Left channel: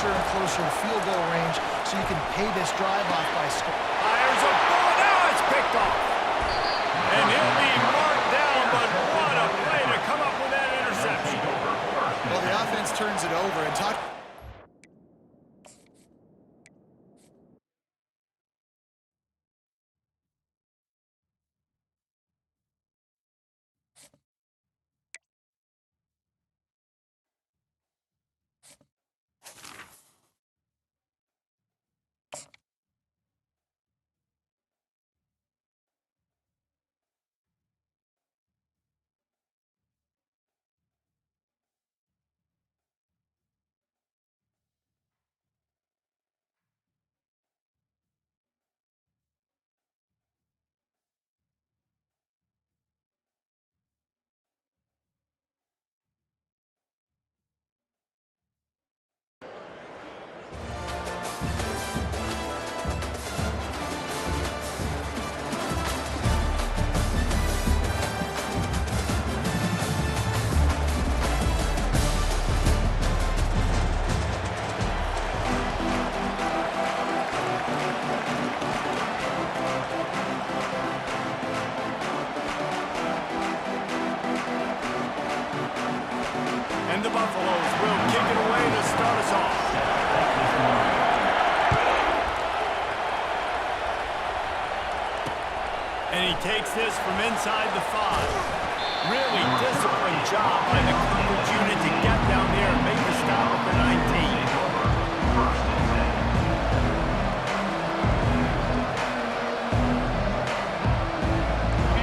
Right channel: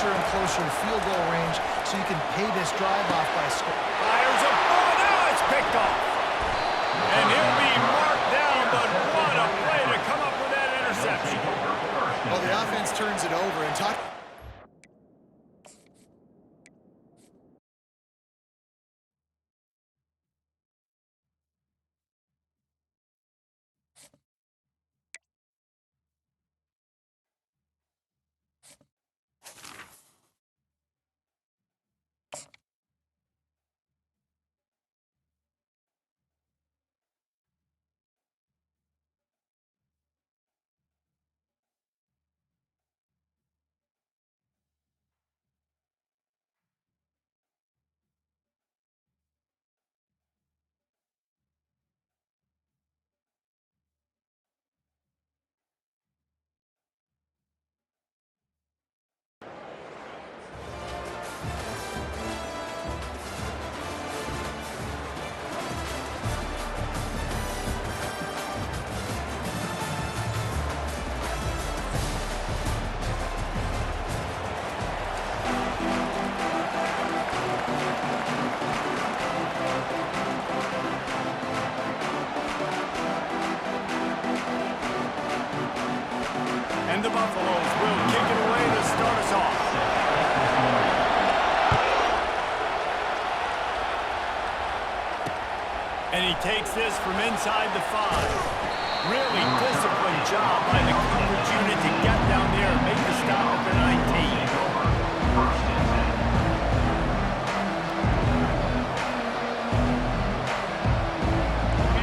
closer and closer to field goal range so you can pay this drive off by scoring. Fires a ball. Now it's picked off. And he'll be marked down, but what a play to come up with that interception. Well, the offense turns it over and talk. And the Buffaloes will kick it away to start us off. And he takes this from inside the 5. Really disciplined job by the coverage unit to get down there and make the stop at the 19.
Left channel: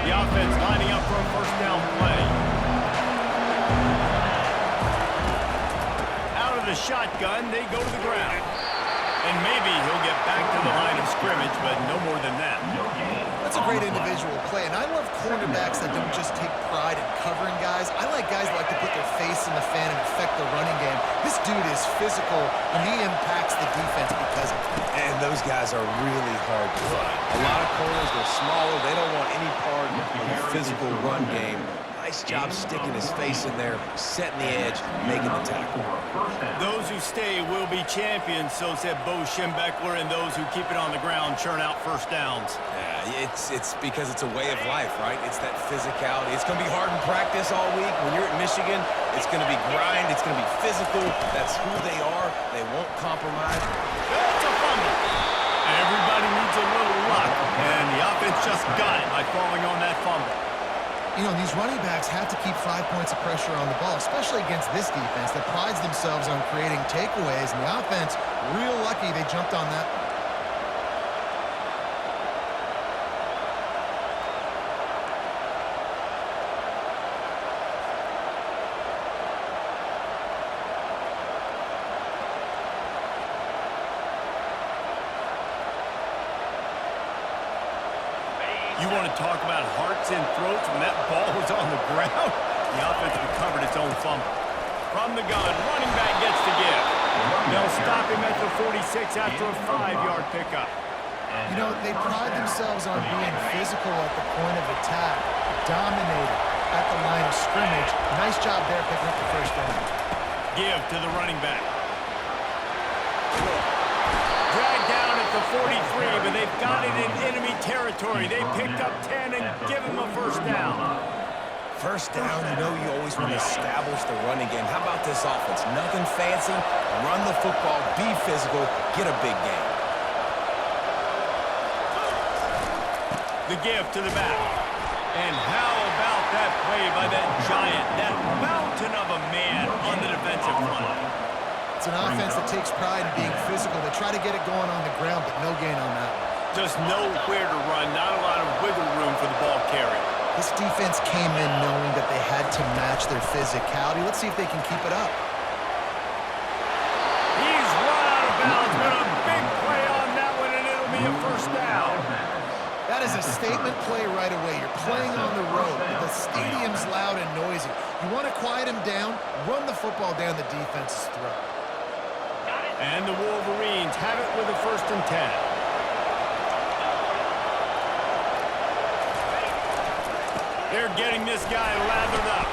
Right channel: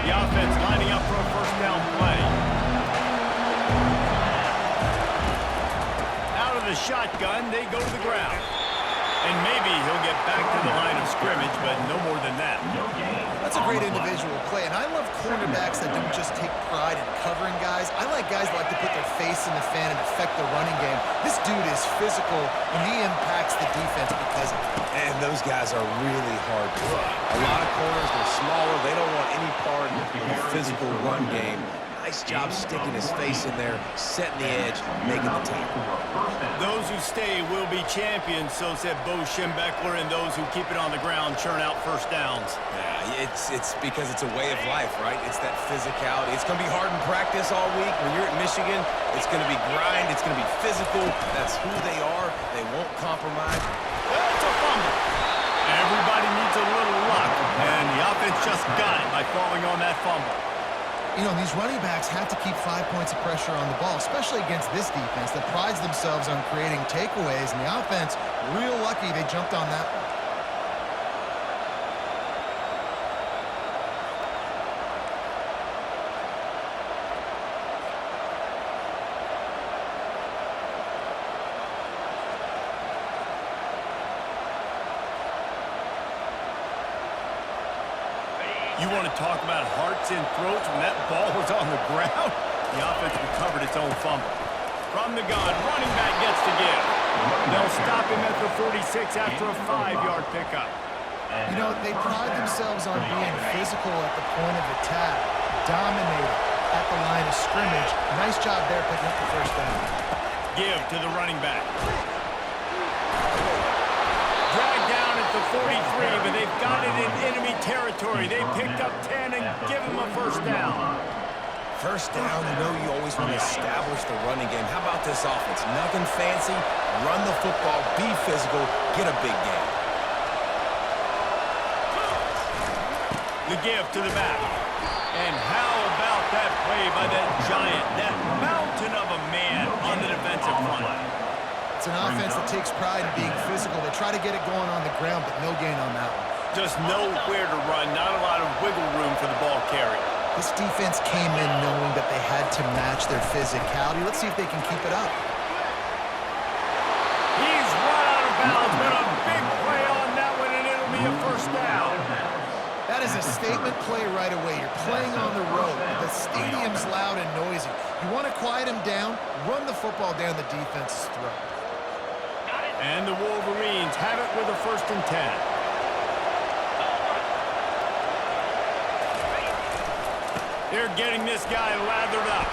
The offense lining up for a first down play. Out of the shotgun, they go to the ground. And maybe he'll get back to the line of scrimmage, but no more than that. That's a great individual play, and I love cornerbacks that don't just take pride in covering guys. I like guys that like to put their face in the fan and affect the running game. This dude is physical, and he impacts the defense because of it. And those guys are really hard to find. A lot of corners, they're smaller. They don't want any part of the physical run game. Nice job sticking his face in there, setting the edge, making the tackle. Those who stay will be champions, so said Bo Schembechler, and those who keep it on the ground churn out first downs. Yeah, it's because it's a way of life, right? It's that physicality. It's going to be hard in practice all week. When you're at Michigan, it's going to be grind. It's going to be physical. That's who they are. They won't compromise. It's a fumble. Everybody needs a little luck, and the offense just got it by falling on that fumble. You know, these running backs have to keep 5 points of pressure on the ball, especially against this defense that prides themselves on creating takeaways. And the offense, real lucky they jumped on that one. You want to talk about hearts and throats when that ball was on the ground? The offense recovered its own fumble. From the gun, running back gets to give. They'll stop him at the 46 after a 5-yard pickup. You know, they pride themselves on being physical at the point of attack, dominating at the line of scrimmage. Nice job there picking up the first down. Give to the running back. Dragged down at the 43, but they've got it in enemy territory. They picked up 10 and give him a first down. First down, you know you always want to establish the running game. How about this offense? Nothing fancy. Run the football, be physical, get a big gain. The give to the back. And how about that play by that giant, that mountain of a man on the defensive front? It's an offense that takes pride in being physical. They try to get it going on the ground, but no gain on that one. Just nowhere to run, not a lot of wiggle room for the ball carrier. This defense came in knowing that they had to match their physicality. Let's see if they can keep it up. He's run out of bounds, but a big play on that one, and it'll be a first down. That is a statement play right away. You're playing on the road. The stadium's loud and noisy. You want to quiet him down, run the football down the defense's throat. And the Wolverines have it with a 1st and 10. They're getting this guy lathered up.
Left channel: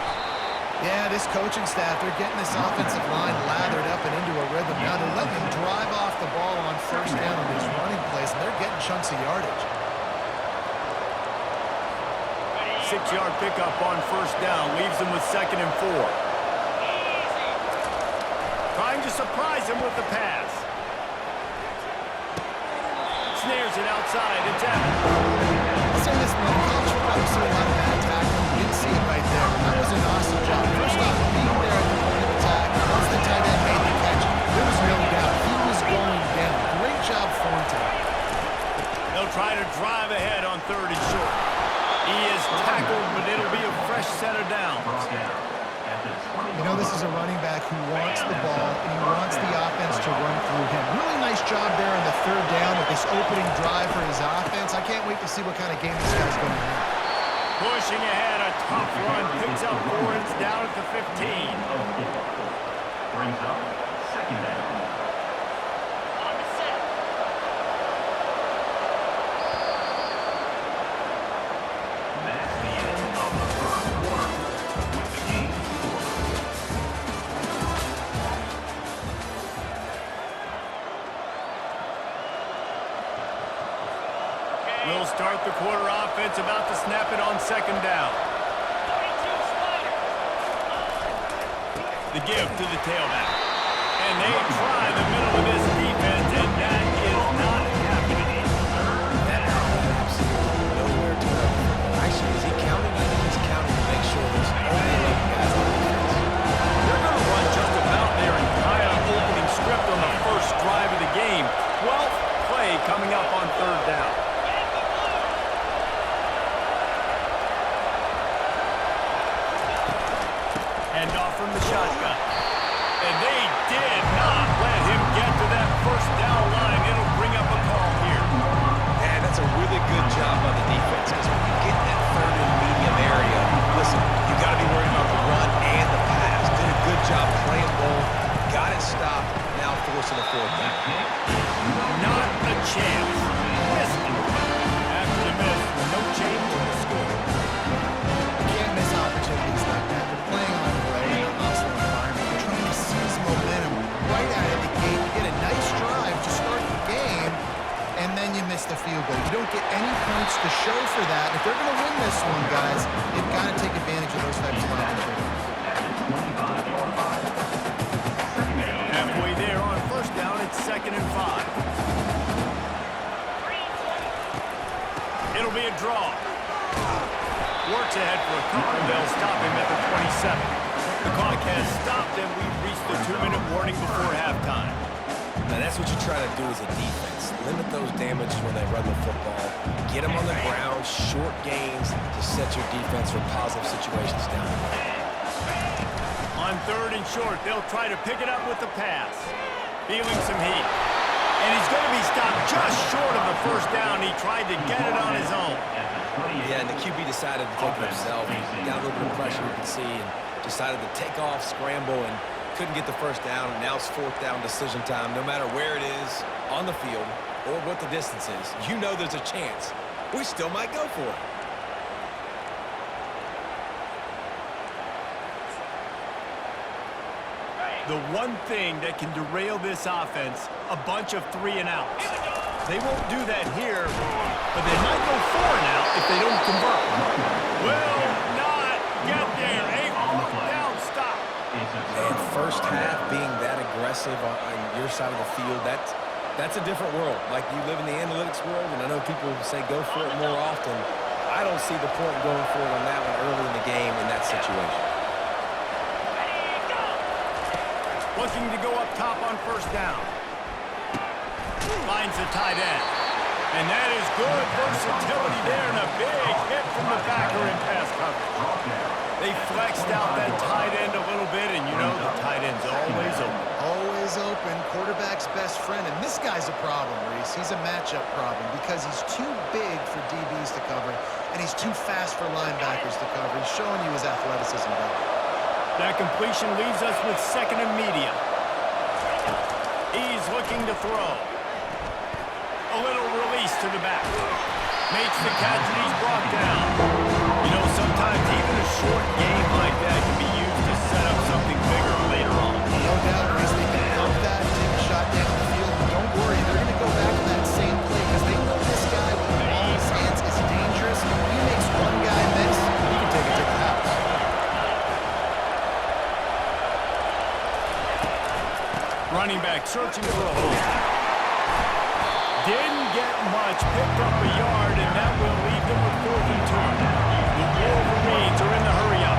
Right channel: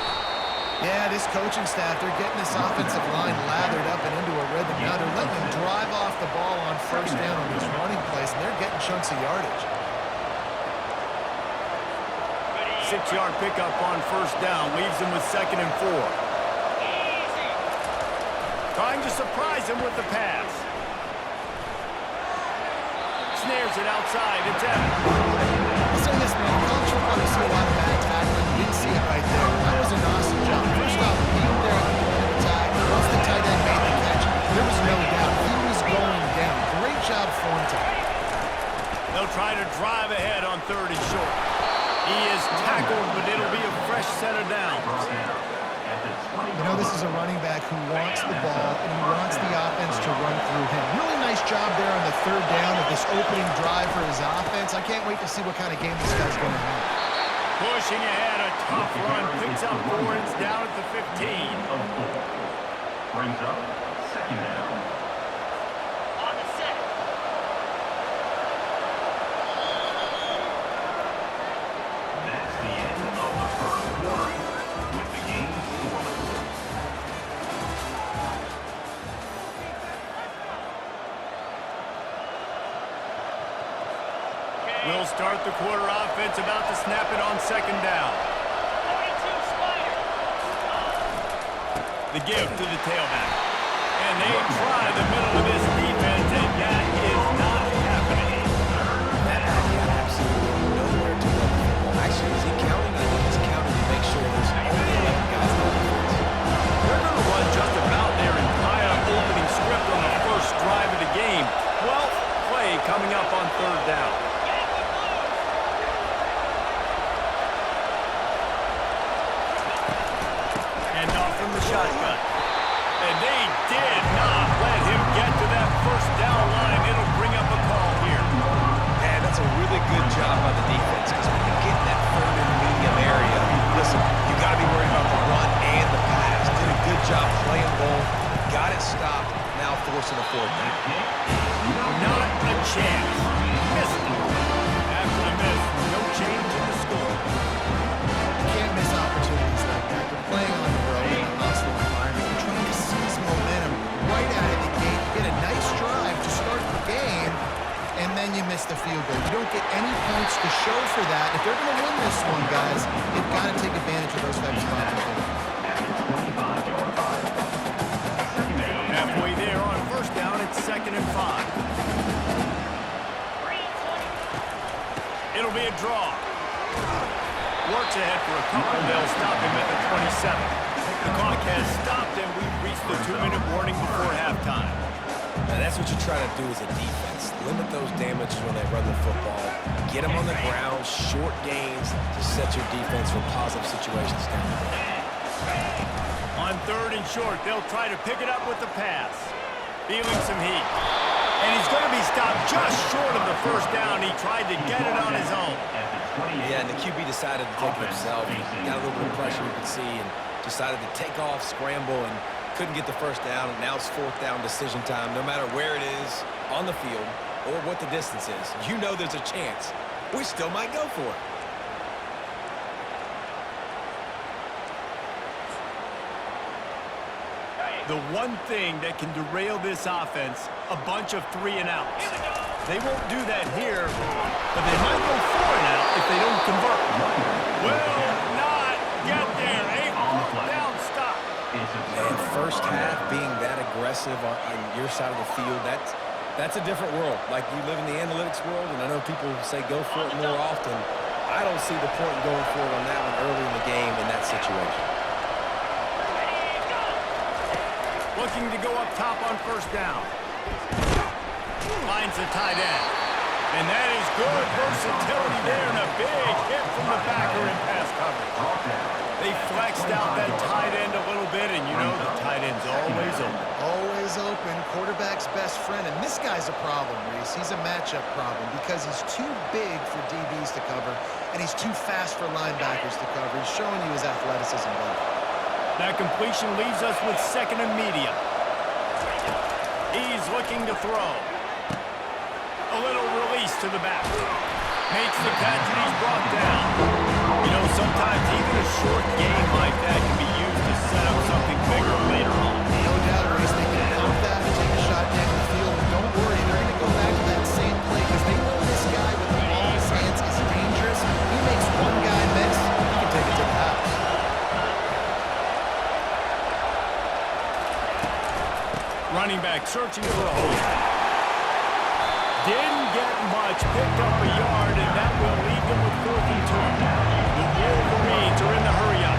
Yeah, this coaching staff, they're getting this offensive line lathered up and into a rhythm. Now they're letting them drive off the ball on first down on these running plays, and they're getting chunks of yardage. 6-yard pickup on first down leaves them with 2nd and 4. Trying to surprise him with the pass. Snares it outside. It's Evans. I'll say this, man. In college football, you see a lot of bad tackling. You didn't see it right there. That was an awesome job. First off, being there at the point of attack. Once the tight end made the catch, there was no doubt he was going down. Great job form today. They'll try to drive ahead on 3rd and short. He is tackled, but it'll be a fresh set of downs. You know, this is a running back who wants the ball, and he wants the offense to run through him. Really nice job there on the 3rd down of this opening drive for his offense. I can't wait to see what kind of game this guy's going to have. Pushing ahead, a tough run, picks up 4, and it's down at the 15. Brings up 2nd down. On the set. That's the end of the first quarter with the game scoreless. We'll start the quarter offense, about to snap it on 2nd down. 42 Spider. The give to the tailback. And they try the middle of this defense, and that is not happening. That back got absolutely nowhere to run the football. Actually, is he counting? I think he's counting to make sure there's only 11 guys on defense. They're going to run just about their entire opening script on the first drive of the game. 12th play coming up on 3rd down. Hand off from the shotgun. And they did not let him get to that first down line. It'll bring up a call here. And that's a really good job by the defense, because when you get in that 3rd and medium area, listen, you got to be worried about the run and the pass. Did a good job playing both. Got it stopped. Now forcing a 4th down. Not a chance. Missed it. After the miss, no change in the score. You can't miss opportunities like that. You're playing on the road in a hostile environment. You're trying to seize momentum right out of the gate. You get a nice drive to start the game, and then you miss the field goal. You don't get any points to show for that. If they're going to win this one, guys, they've got to take advantage of those types of opportunities. Halfway there on first down, it's 2nd and 5. It'll be a draw. Works ahead for a couple. They'll stop him at the 27. The clock has stopped, and we've reached the 2-minute warning before halftime. And that's what you try to do as a defense. Limit those damages when they run the football. Get them on the ground, short gains to set your defense for positive situations down the road. On 3rd and short, they'll try to pick it up with the pass. Feeling some heat. And he's going to be stopped just short of the first down. He tried to get it on his own. Yeah, and the QB decided to take it himself. He got a little bit of pressure, you can see, and decided to take off, scramble, and couldn't get the first down. And now it's 4th down decision time. No matter where it is on the field or what the distance is, you know there's a chance. We still might go for it. The one thing that can derail this offense, a bunch of 3 and outs. They won't do that here, but they might go 4 and out if they don't convert. Will not get there. A 4th down stop. And first half being that aggressive on your side of the field, that's a different world. Like, you live in the analytics world, and I know people say go for it more often. I don't see the point in going for it on that one early in the game in that situation. Looking to go up top on first down. Finds the tight end. And that is good versatility there, and a big hit from the backer in pass coverage. They flexed out that tight end a little bit, and you know the tight end's always open. Always open, quarterback's best friend. And this guy's a problem, Reese. He's a matchup problem because he's too big for DBs to cover, and he's too fast for linebackers to cover. He's showing you his athleticism better. That completion leaves us with 2nd and medium. He's looking to throw. A little release to the back. Makes the catch, and he's brought down. You know, sometimes even a short game like that can be used to set up something bigger later on. No doubt, Reese, they can pump that, take a shot down the field, and don't worry, they're going to go back to that same play because they know this guy with the ball in his hands is dangerous. He makes one guy miss, he can take it to the house. Running back searching for a hole. Didn't get much, picked up a yard, and that will leave them with 4th and 2. The Wolverines are in the hurry-up.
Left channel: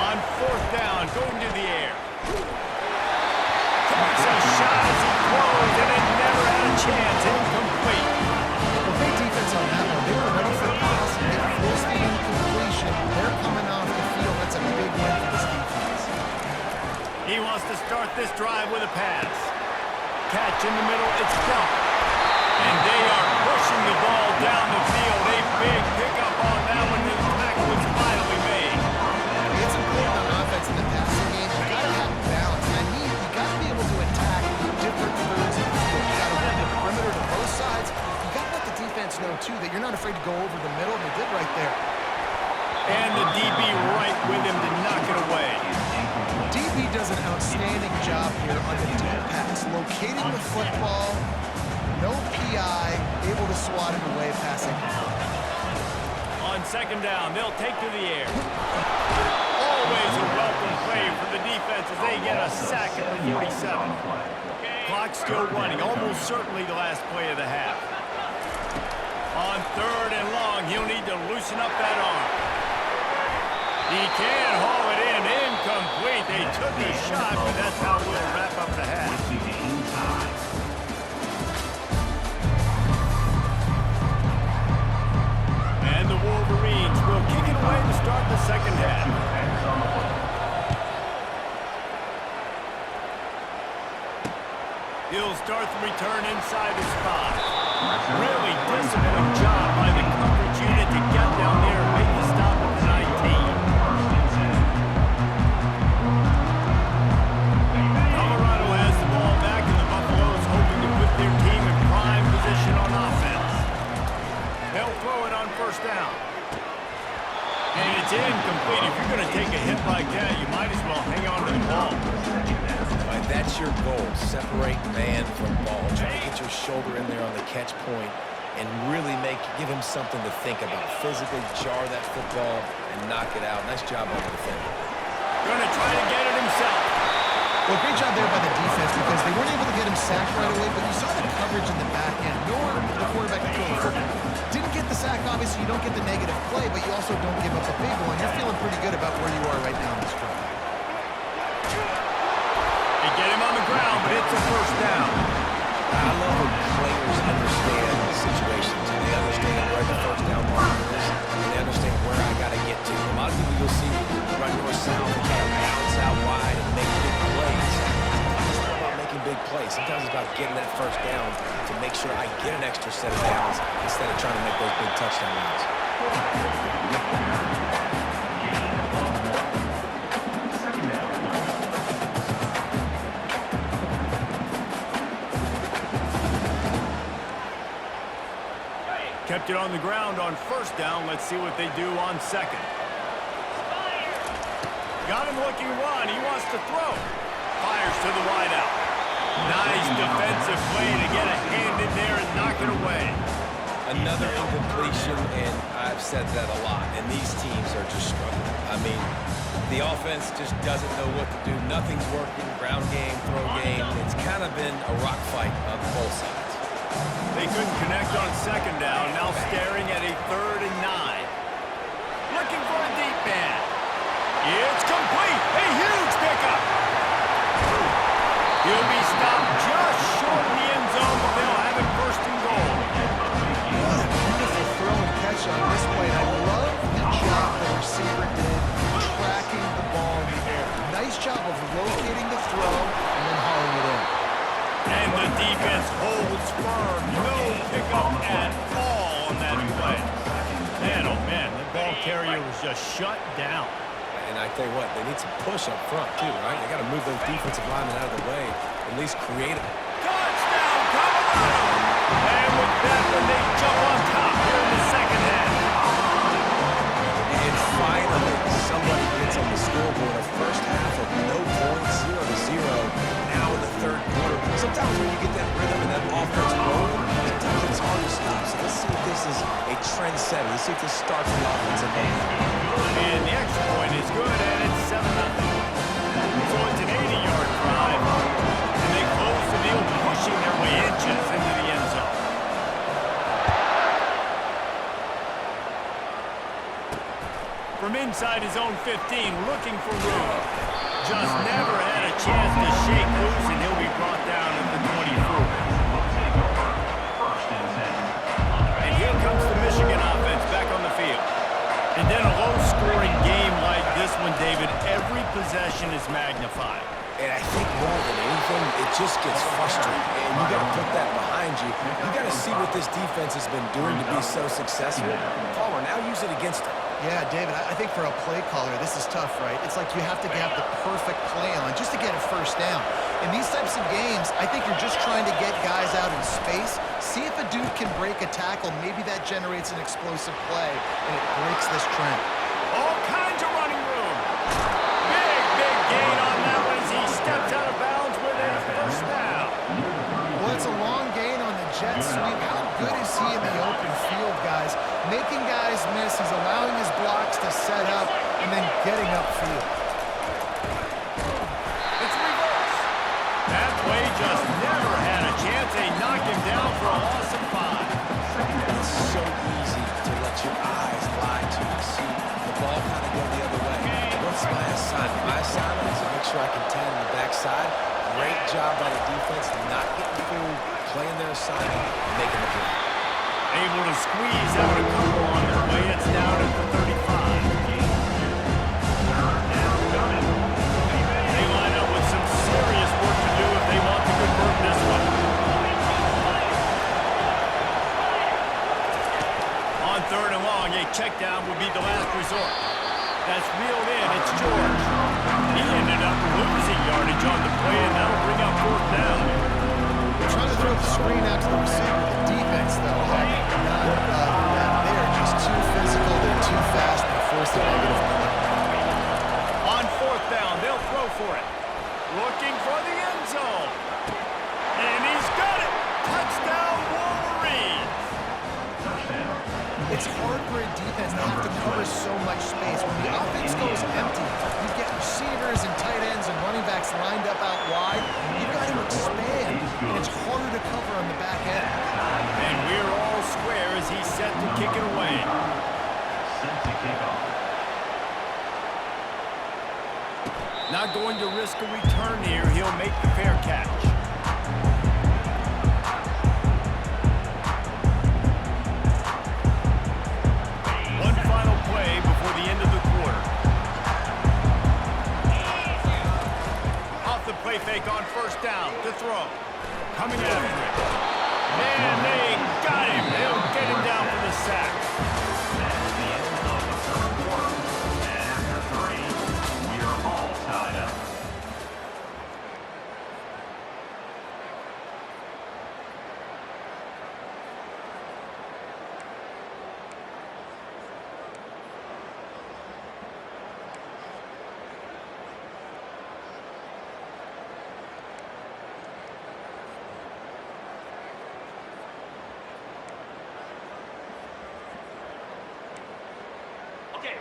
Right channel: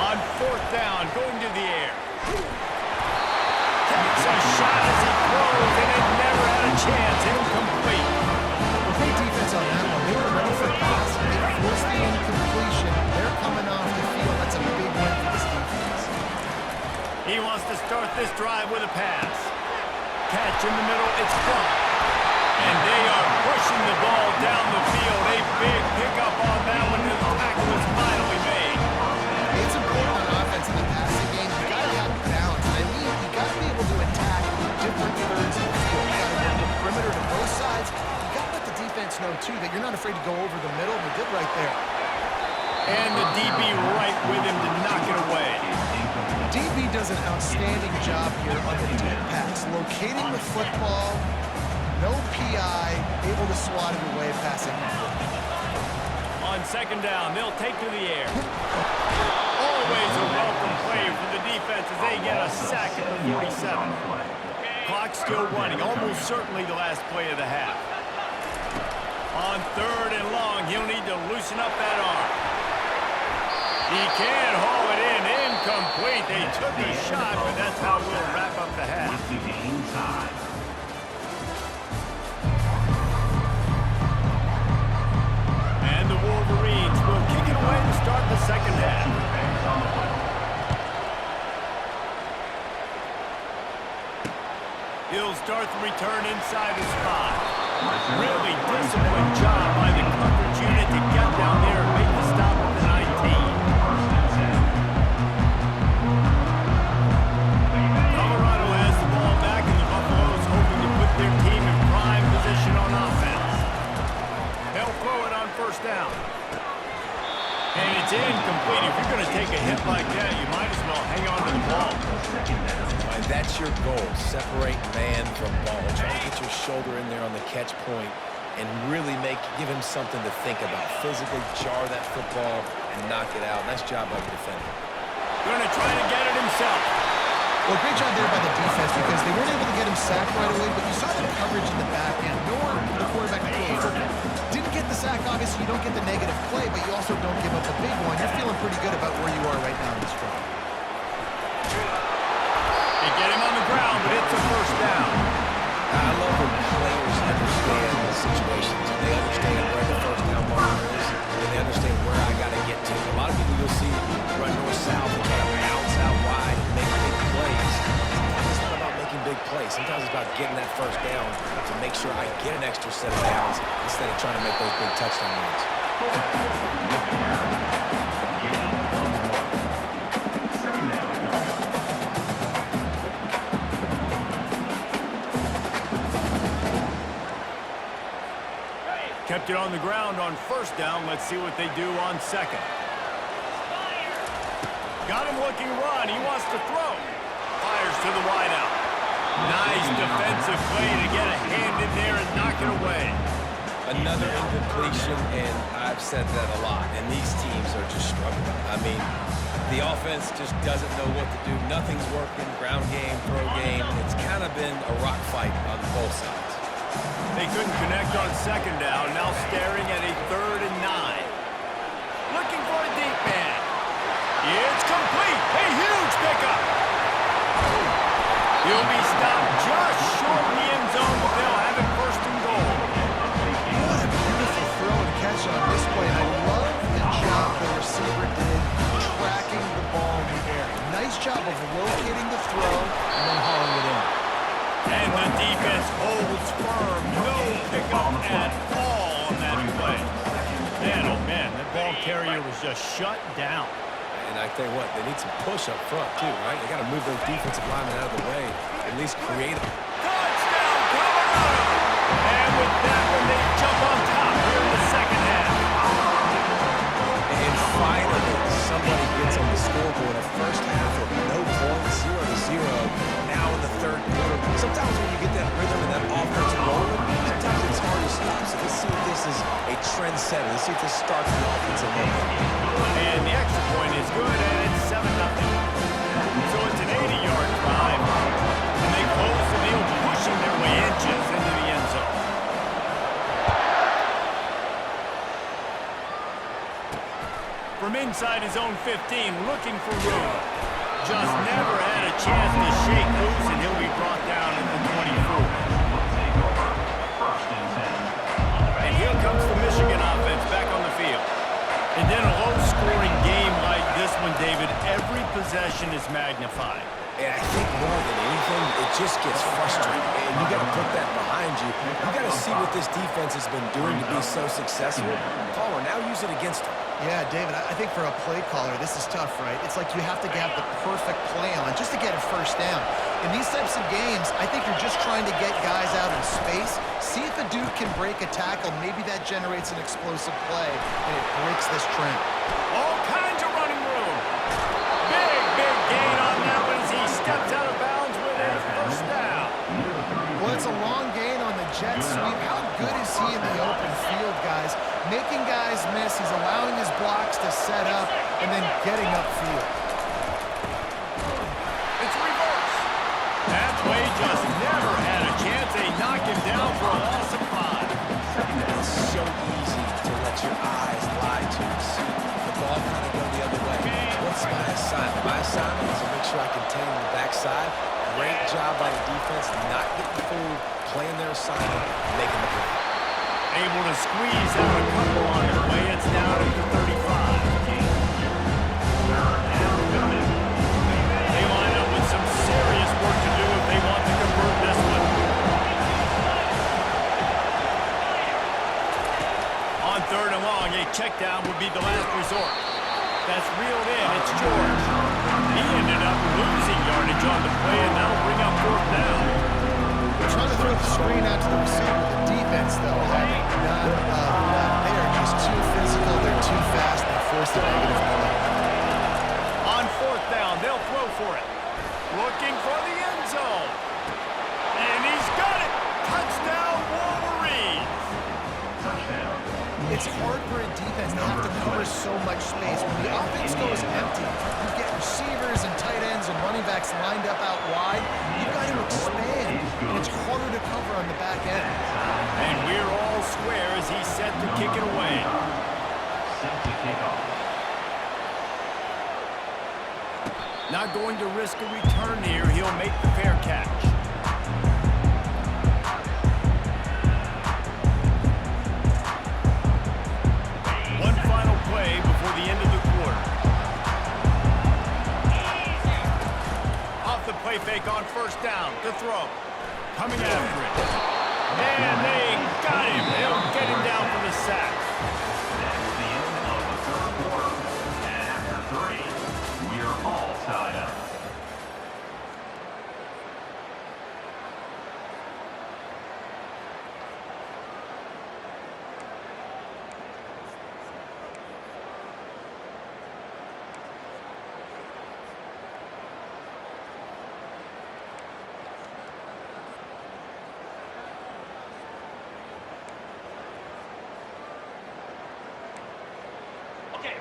On 4th down, going to the air. Takes a shot as he throws, and it never had a chance. Incomplete. Well, great defense on that one. They were ready for pass. They forced the incompletion. They're coming off the field. That's a big win for this defense. He wants to start this drive with a pass. Catch in the middle, it's Bell. And they are pushing the ball down the field. A big pickup on that one, and the tackle is finally made. It's important on offense in the passing game. You got to have balance. And I mean, you got to be able to attack different thirds of the field. You got to work the perimeter to both sides. You got to let the defense know, too, that you're not afraid to go over the middle, and they did right there. And the DB right with him to knock it away. DB does an outstanding job here on the deep pass, locating the football, no PI, able to swat it away, passing. On 2nd down, they'll take to the air. Always a welcome play for the defense as they get a sack at the 47. Clock still running, almost certainly the last play of the half. On 3rd and long, he'll need to loosen up that arm. He can haul it in, incomplete. They took a shot, but that's how we'll wrap up the half. And the Wolverines will kick it away to start the 2nd half. He'll start the return inside his 5. Really disciplined job by the coverage unit to get down there and make the stop at the 19. Colorado has the ball back, and the Buffaloes hoping to put their team in prime position on offense. They'll throw it on 1st down. And it's incomplete. If you're going to take a hit like that, you might as well hang on to the ball. Right, that's your goal. Separate man from ball. Try to get your shoulder in there on the catch point and really give him something to think about. Physically jar that football and knock it out. Nice job by the defender. Going to try to get it himself. Well, great job there by the defense because they weren't able to get him sacked right away, but you saw the coverage in the back end. Nowhere for the quarterback to throw the football. Didn't get the sack, obviously. You don't get the negative play, but you also don't give up a big one. You're feeling pretty good about where you are right now in this drive. They get him on the ground, but it's a 1st down. I love when players understand situations and they understand where the 1st down marker is and they understand where I got to get to. A lot of people you'll see run north-south and try to bounce out wide and make big plays. Sometimes it's not about making big plays. Sometimes it's about getting that 1st down to make sure I get an extra set of downs instead of trying to make those big touchdown runs. Kept it on the ground on 1st down. Let's see what they do on 2nd. Got him looking run. He wants to throw. Fires to the wideout. Nice defensive play to get a hand in there and knock it away. Another incompletion, and I've said that a lot, and these teams are just struggling. I mean, the offense just doesn't know what to do. Nothing's working. Ground game, throw game. It's kind of been a rock fight on both sides. They couldn't connect on 2nd down. Now staring at a 3rd and 9. Looking for a deep man. It's complete. A huge pickup. He'll be stopped just short of the end zone, but they'll have it 1st and goal. What a beautiful throw and catch on this play. And I love the job the receiver did tracking the ball in the air. Nice job of locating the throw and then hauling it in. And the defense holds firm. No pickup at all on that play. Man, oh man, that ball carrier was just shut down. And I tell you what, they need some push up front too, right? They got to move those defensive linemen out of the way, at least create it. Touchdown, Colorado! And with that when they jump on top here in the second half. And finally, somebody gets on the scoreboard. A first half of no points, 0-0. Now in the third quarter. Sometimes when you get that rhythm and that offense rolling, sometimes it's hard to stop. So let's see if this is a trendsetter. Let's see if this starts the offensive momentum. And the extra point is good, and it's 7-0. So it's an 80-yard drive, and they close the deal, pushing their way inches into the end zone. From inside his own 15, looking for room. Just never had a chance to shake loose, and he'll be brought down at the 24. Will take over. First and 10. And here comes the Michigan offense back on the field. And then a low-scoring game like this one, David, every possession is magnified. And I think more than anything, it just gets frustrating. And you got to put that behind you. You got to see what this defense has been doing to be so successful. Palmer, now use it against them. Yeah, David, I think for a play caller, this is tough, right? It's like you have to have the perfect play on just to get a first down. In these types of games, I think you're just trying to get guys out in space, see if a dude can break a tackle. Maybe that generates an explosive play, and it breaks this trend. All kinds of running room. Big gain on that one as he steps out of bounds with a first down. Well, it's a long gain on the jet sweep. How good is he in the open field, guys? Making guys miss. He's allowing his blocks to set up and then getting upfield. It's reverse. That play just never had a chance. They knock him down for a loss of 5. It's so easy to let your eyes lie to you. See the ball kind of go the other way. What's my assignment? My assignment is to make sure I contain the backside. Great job by the defense, not getting fooled, playing their assignment, making the play. Able to squeeze out a couple on the play. It's down at the 35. Third down coming. They line up with some serious work to do if they want to convert this one. On third and long, a check down would be the last resort. That's reeled in. It's George. He ended up losing yardage on the play, and that'll bring up fourth down. They're trying to throw the screen out to the receiver. The defense, though, having none of that. They are just too physical. They're too fast. They force a negative play. On fourth down, they'll throw for it. Looking for the end zone. And he's got it. Touchdown, Wolverines. Touchdown. It's hard for a defense to have to cover so much space. When the offense goes empty, you get receivers and tight ends and running backs lined up out wide. You've got to expand, and it's harder to cover on the back end. And we're all square as he's set to kick it away. Set to kick off. Not going to risk a return here. He'll make the fair catch. One final play before the end of the quarter. Off the play fake on first down to throw. Coming after it. And they got him. They'll get him down for the sack. That's the end of the third quarter. And after 3, we are all tied up.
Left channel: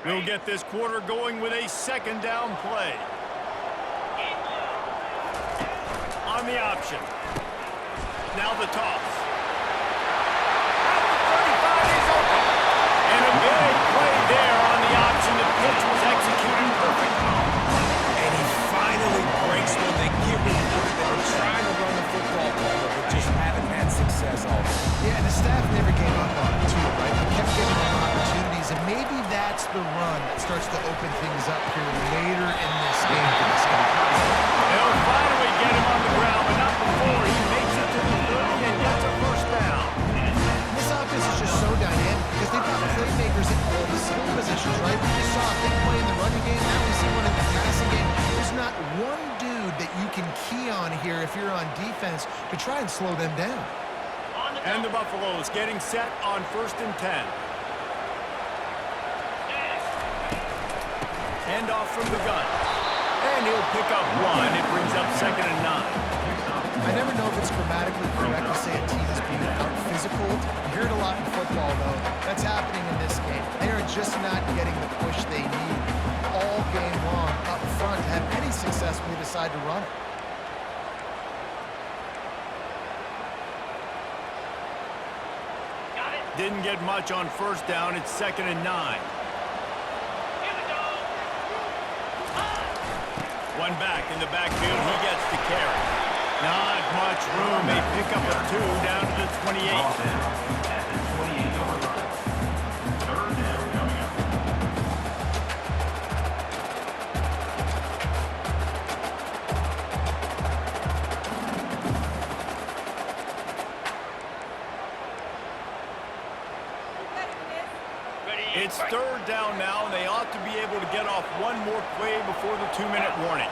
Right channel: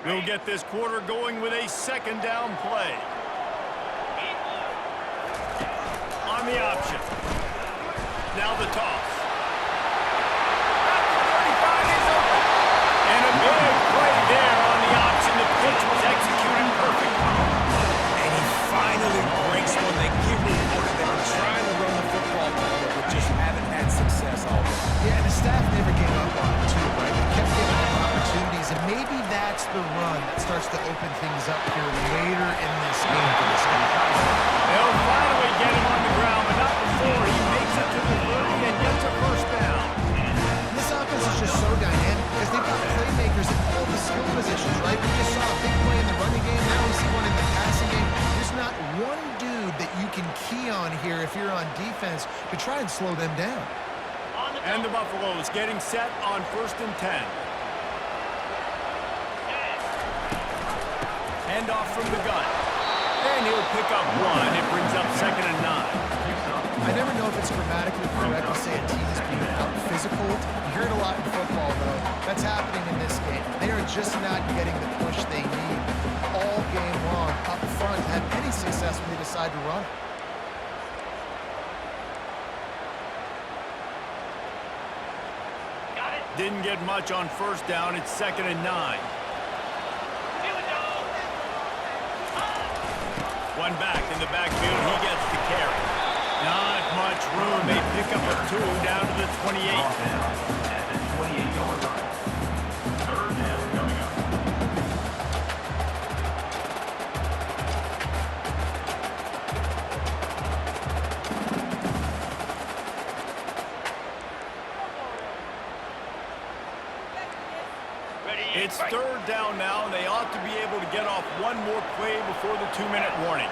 We'll get this quarter going with a second down play. On the option. Now the toss. At the 35 is open. And a big play there on the option. The pitch was executed perfectly. And he finally breaks one. They get reported that they're trying to run the football, Palmer, but just haven't had success all day. Yeah, and the staff never gave up on him, too, right? They kept giving him opportunities, and maybe that's the run that starts to open things up here later in this game for this guy. They'll finally get him on the ground, but not before he makes it to the 30 and gets a first down. This offense is just so dynamic because they've got playmakers in all the skill positions, right? We just saw a big play in the running game. Now we see one in the passing game. There's not one dude that you can key on here if you're on defense to try and slow them down. On the And the Buffaloes getting set on 1st and 10. Hand off from the gun. And he'll pick up 1. It brings up 2nd and 9. I never know if it's grammatically correct to say a team is being out-physical. You hear it a lot in football, though. That's happening in this game. They are just not getting the push they need all game long up front to have any success when they decide to run it. Got it. Didn't get much on 1st down. It's 2nd and 9. Here we go. One back in the backfield. He gets the carry. Not much room. A pickup of 2 down to the 28. Ball down at the 28-yard line. 3rd down coming up. Ready. It's 3rd down now, and they ought to be able to get off one more play before the 2-minute warning.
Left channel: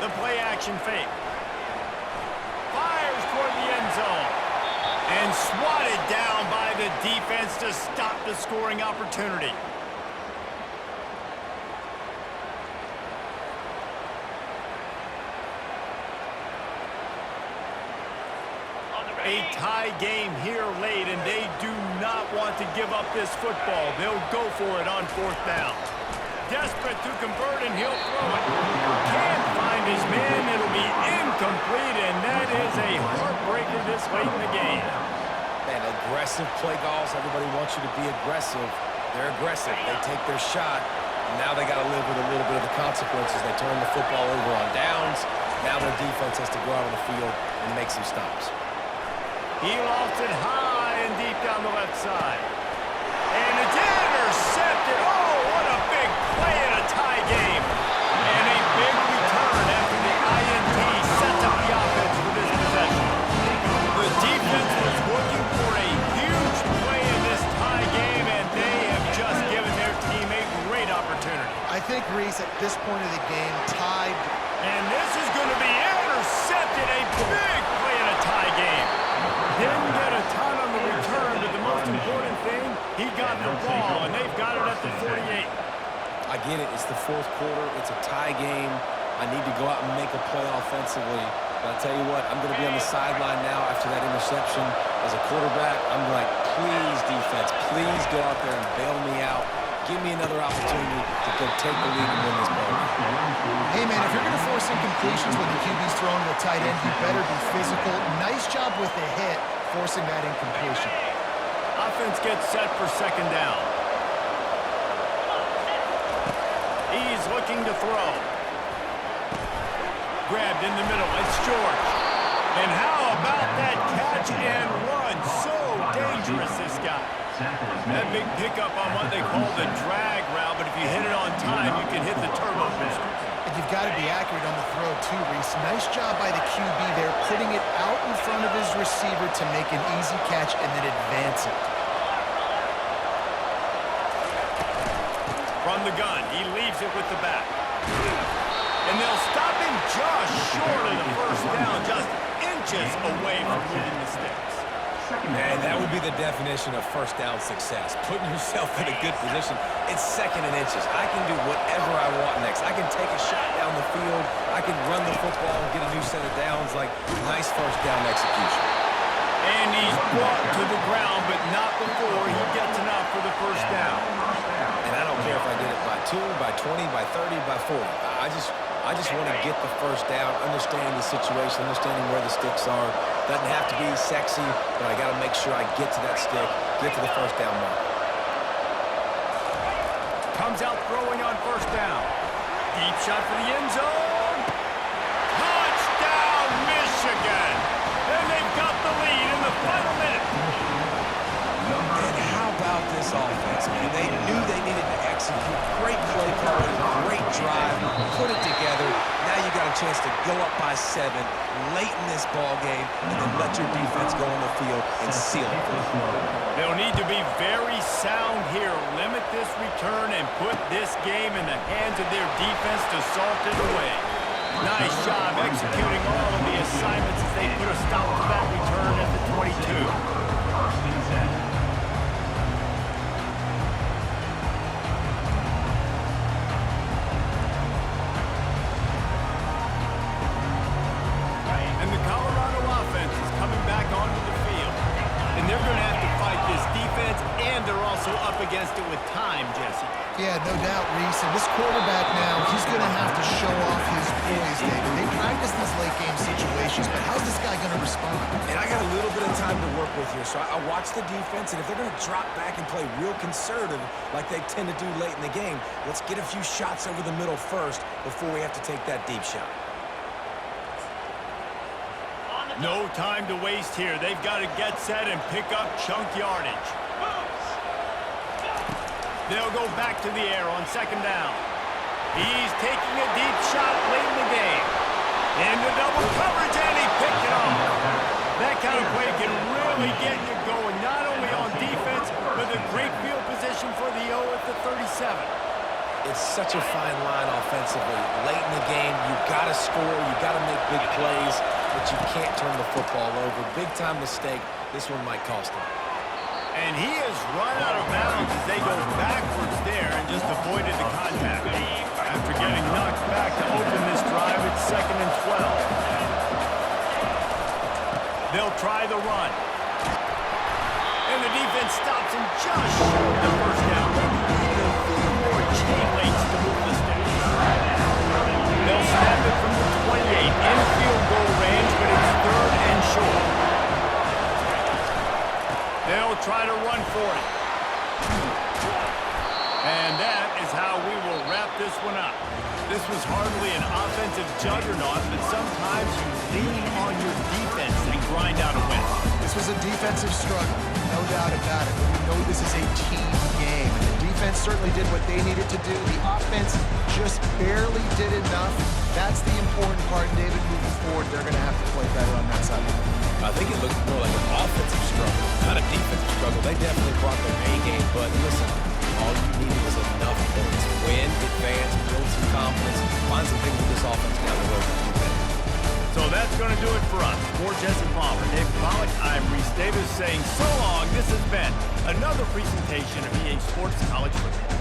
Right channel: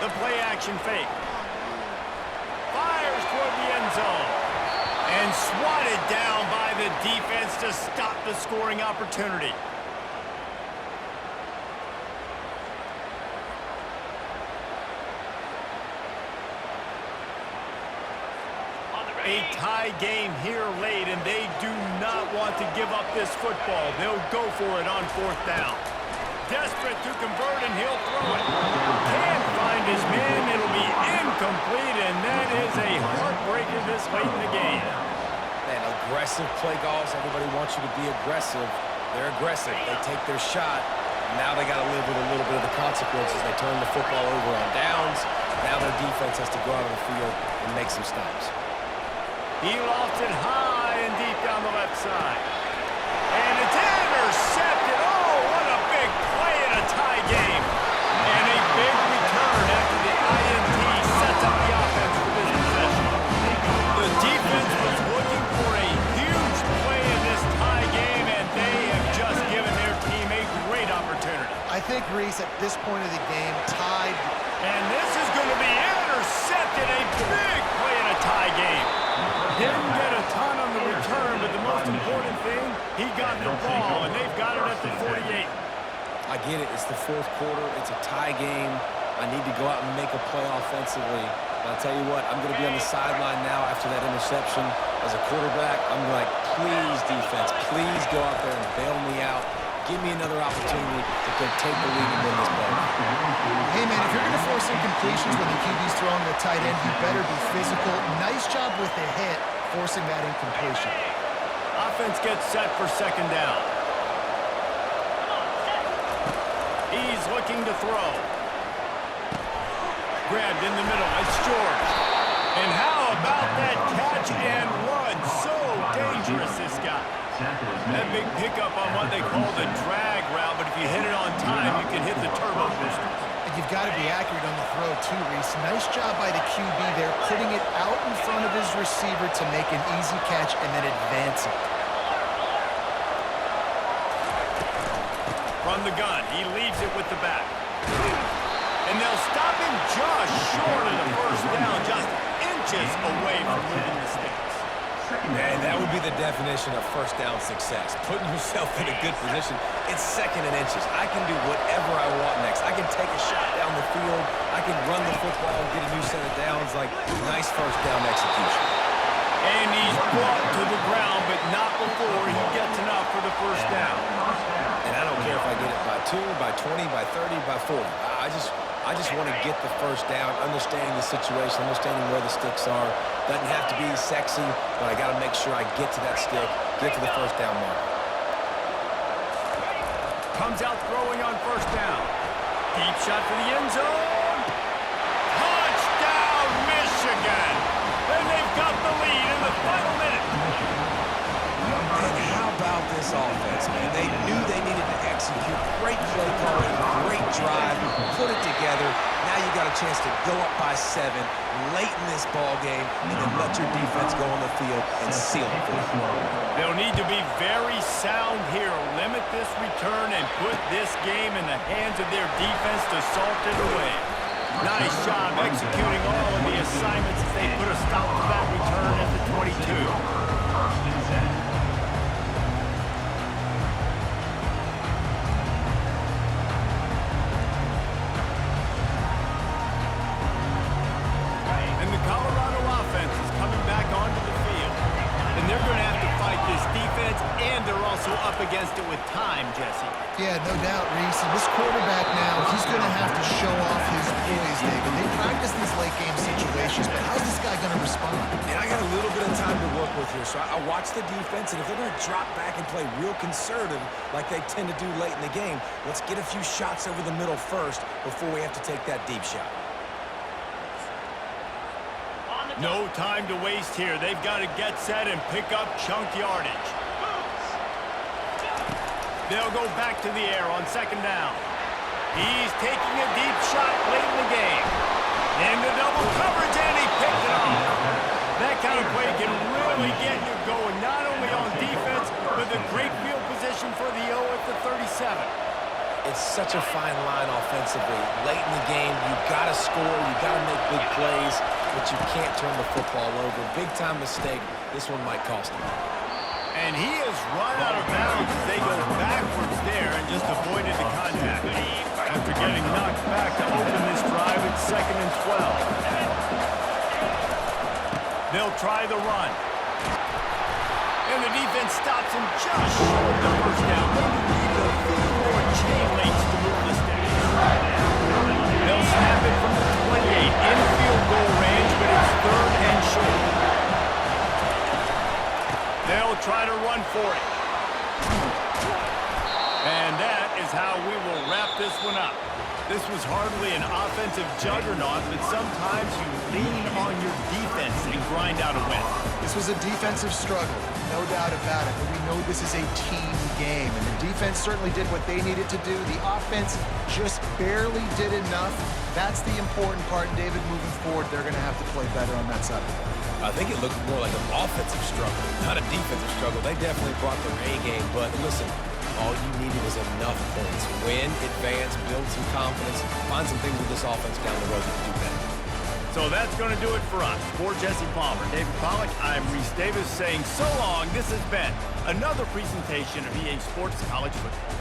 The play action fake. Fires toward the end zone. And swatted down by the defense to stop the scoring opportunity. On the A ready. tie game here late, and they do not want to give up this football. They'll go for it on 4th down. Desperate to convert, and he'll throw it. Can't find his man. It'll be incomplete, and that is a heartbreaker this late in the game. Man, aggressive play calls. Everybody wants you to be aggressive. They're aggressive. They take their shot. Now they got to live with a little bit of the consequences. They turn the football over on downs. Now their defense has to go out on the field and make some stops. He lost it high and deep down the left side. And it's intercepted. Oh, what a big play in a tie game. And a big return after the INT sets up the offense for this possession. The defense was looking for a huge play in this tie game, and they have just given their team a great opportunity. I think, Reese, at this point of the game, tied. And this is going to be intercepted. A big play in a tie game. Didn't get a ton on the return, but the most important thing, he got the ball, and they've got it at the 48. I get it. It's the 4th quarter. It's a tie game. I need to go out and make a play offensively. But I tell you what, I'm going to be on the sideline now after that interception. As a quarterback, I'm like, please, defense, please go out there and bail me out. Give me another opportunity to go take the lead and win this ball. Hey, man, if you're going to force incompletions when the QB's throwing to the tight end, you better be physical. Nice job with the hit, forcing that incompletion. Offense gets set for 2nd down. He's looking to throw. Grabbed in the middle. It's George. And how about that catch and run? So dangerous, this guy. That big pickup on what they call the drag route, but if you hit it on time, you can hit the turbo booster. And you've got to be accurate on the throw, too, Reese. Nice job by the QB there, putting it out in front of his receiver to make an easy catch and then advance it. From the gun, he leaves it with the back. And they'll stop him just short of the 1st down, just inches away from moving the sticks. Man, that would be the definition of 1st down success. Putting yourself in a good position. It's 2nd and inches. I can do whatever I want next. I can take a shot down the field. I can run the football and get a new set of downs. Like, nice 1st down execution. And he's brought to the ground, but not before he gets enough for the 1st down. And I don't care if I get it by 2, by 20, by 30, by 40. I just want to get the 1st down, understanding the situation, understanding where the sticks are. Doesn't have to be sexy, but I got to make sure I get to that stick, get to the 1st down mark. Comes out throwing on 1st down. Deep shot for the end zone. Touchdown, Michigan! And they've got the lead in the final minute. And how about this offense, man? They knew they needed to execute. Great play calling, great drive, put it together. Now you got a chance to go up by 7 late in this ball game and then let your defense go on the field and seal it for you. They'll need to be very sound here. Limit this return and put this game in the hands of their defense to salt it away. Nice job executing all of the assignments as they put a stop to that return at the 22. First and 10. And the Colorado offense is coming back onto the field. And they're going to have to fight this defense, and they're also up against it with time, Jesse. Yeah, no doubt, Reese. And this quarterback now, he's going to have to show off his poise, David. They practice these late-game situations, but how's this guy going to respond? And I got a little bit of time to work with here, so I watch the defense, and if they're going to drop back and play real conservative like they tend to do late in the game, let's get a few shots over the middle first before we have to take that deep shot. No time to waste here. They've got to get set and pick up chunk yardage. They'll go back to the air on second down. He's taking a deep shot late in the game. Into double coverage, and he picked it off. That kind of play can really get you going, not only on defense, but the great field position for the O at the 37. It's such a fine line offensively. Late in the game, you got to score, you got to make big plays, but you can't turn the football over. Big-time mistake. This one might cost him. And he has run out of bounds as they go backwards there and just avoided the contact. After getting knocked back to open this drive, it's 2nd and 12. They'll try the run. And the defense stops him just short of the first down. Maybe needed a few more chain links to move the sticks. They'll snap it from the 28 in field goal range, but it's 3rd and short. They'll try to run for it. And that is how we will wrap this one up. This was hardly an offensive juggernaut, but sometimes you lean on your defense and grind out a win. This was a defensive struggle, no doubt about it, but we know this is a team game, and the defense certainly did what they needed to do. The offense just barely did enough. That's the important part, David, moving forward. They're going to have to play better on that side of the ball. I think it looked more like an offensive struggle, not a defensive struggle. They definitely brought their A game, but listen, all you needed was enough points. Win, advance, build some confidence, find some things with this offense down the road that do better. So that's going to do it for us. For Jesse Palmer, David Pollack, I'm Reese Davis saying so long. This has been another presentation of EA Sports College Football.